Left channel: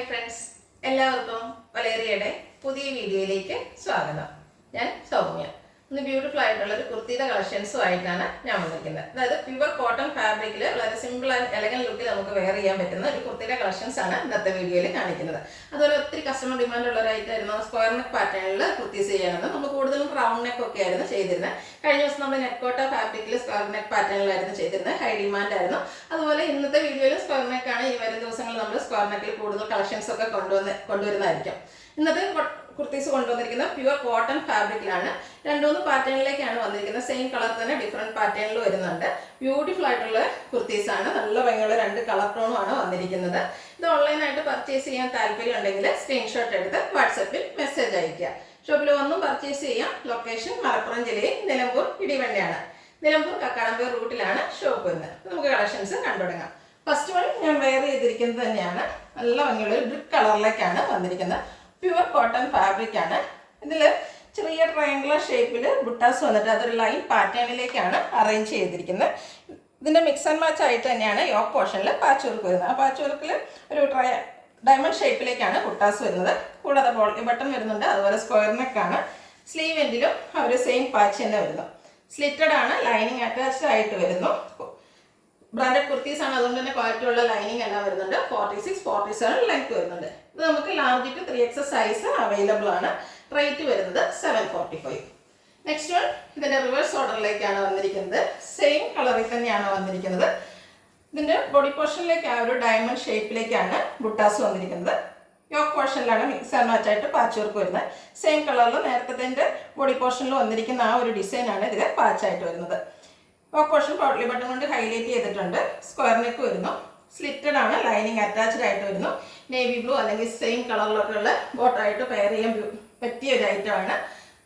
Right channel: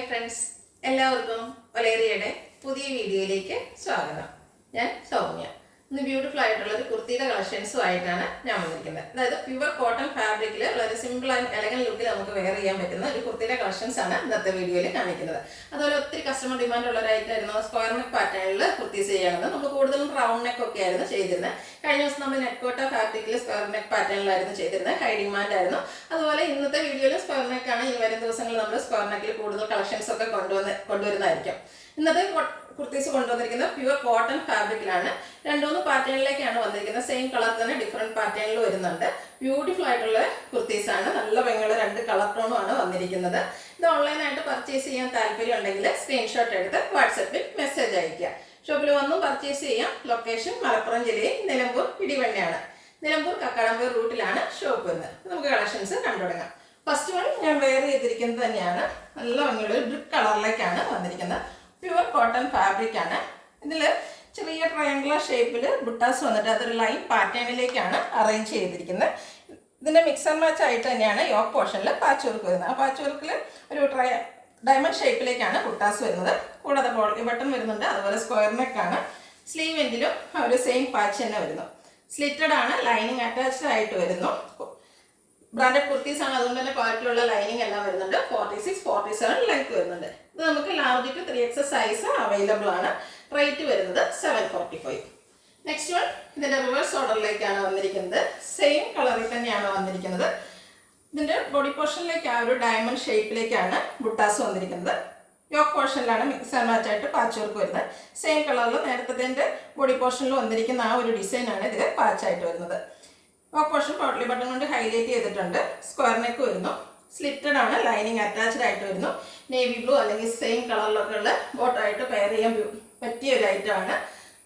Hi friends, എല്ലാവർക്കും ഒലേറിയയുടെ പുതിയ വീഡിയോയിലേക്ക് സ്വാഗതം. ഞാൻ സൗമ്യ. ഇന്ന് ബ്യൂട്ടിഫുൾ ആയിട്ടുള്ള ഒരു കുർത്തിയുടെ കളക്ഷൻസും ആയിട്ടാണ് ഞാൻ വന്നിരിക്കുന്നത്. അതായത് പ്യുവർ കോട്ടൺ ഫാബ്രിക്കിൽ വളരെ സിമ്പിൾ ആൻഡ് എലഗന്റ് ലുക്കിൽ നമുക്ക് വെയർ ചെയ്യാൻ പറ്റുന്ന ഒരു കുർത്തിയുടെ കളക്ഷൻസ് ആണ് ഇന്നത്തെ വീഡിയോയിൽ കാണിക്കുന്നത്. അതുപോലെ ഒത്തിരി കസ്റ്റമർ ഡിമാൻഡ് ഉള്ള ഒരു ഐറ്റം ആയിരുന്നു സ്ക്വയർ നെക്ക് പാറ്റേണിൽ കുർത്തീസ് ചെയ്യണമെന്ന്. നമ്മൾ കൂടുതലും റൗണ്ട് നെക്ക് ഒക്കെ ആയിരുന്നു ചെയ്തിരുന്നത്. കഴിഞ്ഞ ദിവസം നമ്മൾ നെക്കോട്ട ഫാബ്രിക്കിൽ സ്ക്വയർ നെക്ക് പാറ്റേണിലായിരുന്നു ചെയ്തിരുന്നത്. ഹൈ ഡിമാൻഡ് ആയിരുന്നു. അതുപോലെ ഇന്നത്തെ വീഡിയോയിൽ സ്ക്വയർ നെക്കാണ്. ഇനി വരും ദിവസങ്ങളിൽ നമ്മൾ സ്ക്വയർ നെക്കിൽ കൂടുതൽ കളക്ഷൻസ് ഒക്കെ കൊണ്ടുവരുന്നതായിരിക്കും. ഇന്നത്തെ കുർത്തീസ് കൊണ്ടുവന്നിരിക്കുന്നത് പ്യുവർ കോട്ടൺ ഫാബ്രിക്കിലാണ്. രണ്ടുമൂന്ന് പാറ്റേണിലേക്കാണ് വന്നിരിക്കുന്നത്. സെയിം കളർ തന്നെ ഡിഫറെന്റ് പാറ്റേണിൽ വരുന്നുണ്ട്. ബ്യൂട്ടിഫുൾ ആയിട്ടുള്ള കുർത്തീസ് ആണ്. നല്ല ഭംഗിയുള്ള രണ്ട് കളർ ടോണും ആണ് വന്നിരിക്കുന്നത്. ഇത് ഓൺലൈനായിട്ട് പർച്ചേസ് ചെയ്യാൻ താല്പര്യം ഉണ്ടെങ്കിൽ സ്ക്രീൻഷോട്ട് എടുത്ത് വാട്സപ്പിൽ മെസ്സേജ് അയയ്ക്കുക. ഷോപ്പിൽ വന്നും പർച്ചേസ് ചെയ്യാം. ലൊക്കേഷൻ മലപ്പുറം ജില്ലയിൽ നിലമ്പൂർ ഇടിവണ്ണയാണ്. നിലമ്പൂർ കക്കാടംപേർ റൂട്ടിലാണ് ഷോപ്പ് വരുന്നത്. നമുക്ക് കളക്ഷൻസ് കണ്ടുതുടങ്ങാം. ഫസ്റ്റ് വൺ ഞാൻ വെയർ ചെയ്തിരിക്കുന്നത് തന്നെയാണ്. നല്ല ഭംഗിയുള്ള ഒരു ബ്രിക്ക് കളറിലേക്കാണ് വന്നിരിക്കുന്നത്. പ്യുവർ കോട്ടൺ ഫാബ്രിക് ആണ്. ഇതിൽ ചെറിയ ട്രയാങ്കുലർ ഷേപ്പിൽ ബുട്ടാസ് വന്നിട്ട് അതൊരു ലൈൻ പാറ്റേണിലേക്കാണ് അറേഞ്ച് ചെയ്തിരിക്കുന്നത്. ഇതിൻ്റെ മിക്സ് ആൻഡ് മാച്ച് ആയിട്ട് തന്നെയാണ് യോക്ക് പോർഷനിൽ പാച്ച് വർക്ക് വരുന്നത്. ആ പാച്ച് വർക്കിൽ ഒരു ഡയമണ്ട് ഷേപ്പിലേക്കാണ് ബുട്ടാസ് വരുന്നത്. കൂടാതെ ബട്ടൺ വരുന്നുണ്ട്. അതുപോലെ സ്ക്വയർ നെക്കാണ്. സ്ലീവ് എൻഡിലും ഒരു സെയിം പാച്ച് തന്നെ വരുന്നു. സ്ലിറ്റഡ് ആണ്. ലൈനിങ് അറ്റാച്ച്ഡ് ആയിട്ട് വരുന്നു. ബ്രാൻഡഡ് കുർത്തീസ് ആണ്. അതുകൊണ്ട് തന്നെ ക്വാളിറ്റിയുള്ള ലൈനിങ് എല്ലാം വരുന്നുണ്ട്. 46, 47 ലെങ്ത് വരുന്നുണ്ട്. ഇത് നമുക്ക് large to 3XS size available ആണ്. റേറ്റ് വരുന്നത് 745. നെക്സ്റ്റ് വൺ ഇതിന്റെ റിവേഴ്സ് ഓർഡറിലേക്കാണ് വന്നിരിക്കുന്നത്. സെയിം കളറിൽ തന്നെയാണ് വന്നിരിക്കുന്നത്. ഇതിന്റെ ബോഡി പോർഷനിലേക്ക് ആ ഒരു ഡയമണ്ട് ഷേപ്പിലേക്കാണ് ബുട്ടാസ് വന്നിരിക്കുന്നത്. യോക്ക് പോർഷനിലാണ് മിക്സ് ആൻഡ് മാച്ച് ആയിട്ട് പാച്ച് വർക്ക് വരുന്നത്. സെയിം കളറിൽ നേരത്തെ ബോഡി പോർഷനിൽ വന്നിരിക്കുന്ന ആ ഒരു ഡിസൈനാണ് ഇതിൽ പാച്ചായിട്ട് വരുന്നത്. യോക്ക് പോർഷൻ പോട്ട്ലി ബട്ടൺ കൊണ്ട് ഹൈലൈറ്റ് ചെയ്തിട്ടുണ്ട്. സ്ക്വയർ നെക്ക് വരുന്നു. സ്ലിറ്റഡ് ആണ്. ലൈനിങ് അറ്റാച്ച്ഡ് ആയിട്ട് വരുന്നു. നേവി ബ്ലൂ അല്ലെങ്കിൽ സെയിം കളറിലൊക്കെ ഉള്ള ബോട്ടറായിട്ട് പെയർ ചെയ്യാൻ പറ്റിയ ഒരു ഐറ്റമാണ്.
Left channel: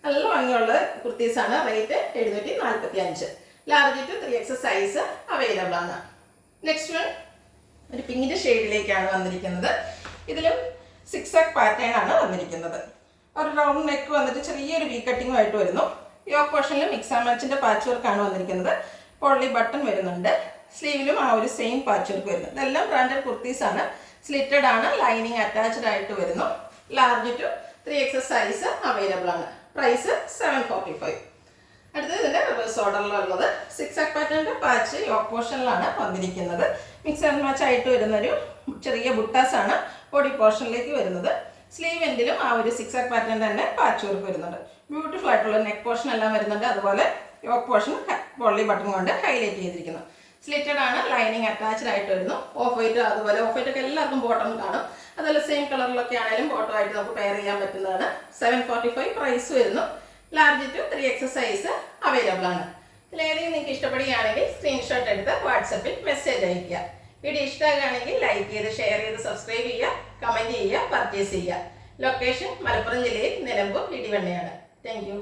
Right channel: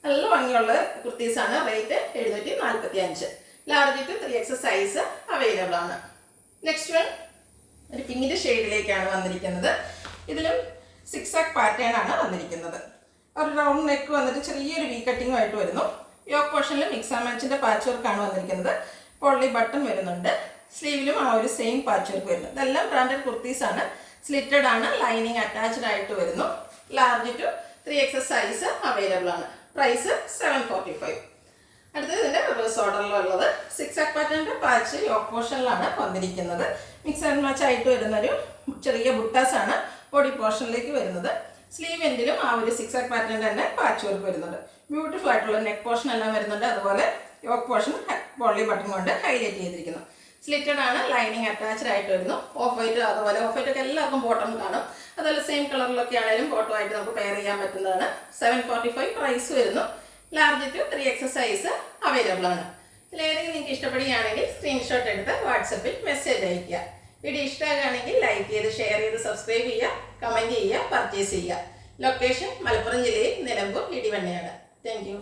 നല്ല ഭംഗിയുള്ള കുർത്തീസാണ്. Rate 745. Large to 3XS size available ആണ്. നെക്സ്റ്റ് വൺ ഒരു പിങ്കിൻ്റെ ഷെയ്ഡിലേക്കാണ് വന്നിരിക്കുന്നത്. ഇതിലും 6 പാറ്റേൺ ആണ് വന്നിരിക്കുന്നത്. ഒരു റൗണ്ട് നെക്ക് വന്നിട്ട് ചെറിയൊരു വി കട്ടിങ്ങുമായിട്ട് വരുന്നു. യോക്ക് പോർഷനിൽ മിക്സ് ആൻഡ് മാച്ചിൻ്റെ പാച്ച് വർക്കാണ് വന്നിരിക്കുന്നത്. പോട്ട്ലി ബട്ടൺ വരുന്നുണ്ട്. സ്ലീവിലും ആ ഒരു സെയിം പാച്ച് വർക്ക് വരുന്നു. ഇതെല്ലാം ബ്രാൻഡഡ് കുർത്തീസാണ്. സ്ലിറ്റഡ് ആണ്. ലൈനിങ് അറ്റാച്ച്ഡ് ആയിട്ട് വരുന്നു. Large to 3XS size available ആണ്. പ്രൈസ് 745. അടുത്തത് ഇതിൻ്റെ റിവേഴ്സ് ഓർഡറിലുള്ളത് 6 പാറ്റേണിൻ്റെ പാച്ച് യോക്ക് പോർഷനിലാണ് വന്നിരിക്കുന്നത്. മിക്സ് ആൻഡ് മാച്ച് ആയിട്ട് വരുന്നൊരു ചെറിയ ബുട്ടാസാണ് ബോഡി പോർഷനിലേക്ക് വരുന്നത്. സ്ലീവ് എൻഡിലും ആ ഒരു 6 പാറ്റേൺ തന്നെ പാച്ച് വർക്ക് വരുന്നുണ്ട്. ബ്യൂട്ടിഫുൾ ആയിട്ടുള്ള നെക്ക് പോർഷൻ എല്ലാം വരുന്നുണ്ട്. അതുപോലെ യോക്ക് പോർഷൻ പോട്ട്ലി ബട്ടൺ കൊണ്ട് ഹൈലൈറ്റ് ചെയ്തിരിക്കുന്നു. സ്ലിറ്റഡ് ആണ്. ലൈനിങ് അറ്റാച്ച്ഡ് ആയിട്ട് വരുന്നു. ഓഫ് വൈറ്റ്, അതുപോലെ ഓഫ് വൈറ്റ് ഒക്കെ എല്ലാവർക്കും ബോട്ടം കാണും. അതുപോലെ സെയിം കളറിലൊക്കെ ആണെങ്കിലും ബോട്ടം ആയിട്ട് നമുക്ക് പെയർ ചെയ്യാൻ പറ്റുന്നതാണ്. 745 പ്രൈസ് വരുന്നു. Large to 3XS size available ആണ്. ഇതിലേതെങ്കിലും നിങ്ങൾക്ക് ഇഷ്ടപ്പെടുകയാണെങ്കിൽ സ്ക്രീൻഷോട്ട് എടുത്ത് വാട്സപ്പിൽ മെസ്സേജ് അയയ്ക്കുക. വീഡിയോ ഇഷ്ടമാകുകയാണെങ്കിൽ ലൈക്ക് ചെയ്ത് ഷെയർ ചെയ്ത് സബ്സ്ക്രൈബ് ചെയ്യുക, കമൻറ്റ് ചെയ്യുക, പർച്ചേസ് ചെയ്യുക. ലൊക്കേഷൻ മലപ്പുറം ജില്ലയിൽ നിലമ്പൂർ ഇടിവണ്ണയാണ്. Thank you.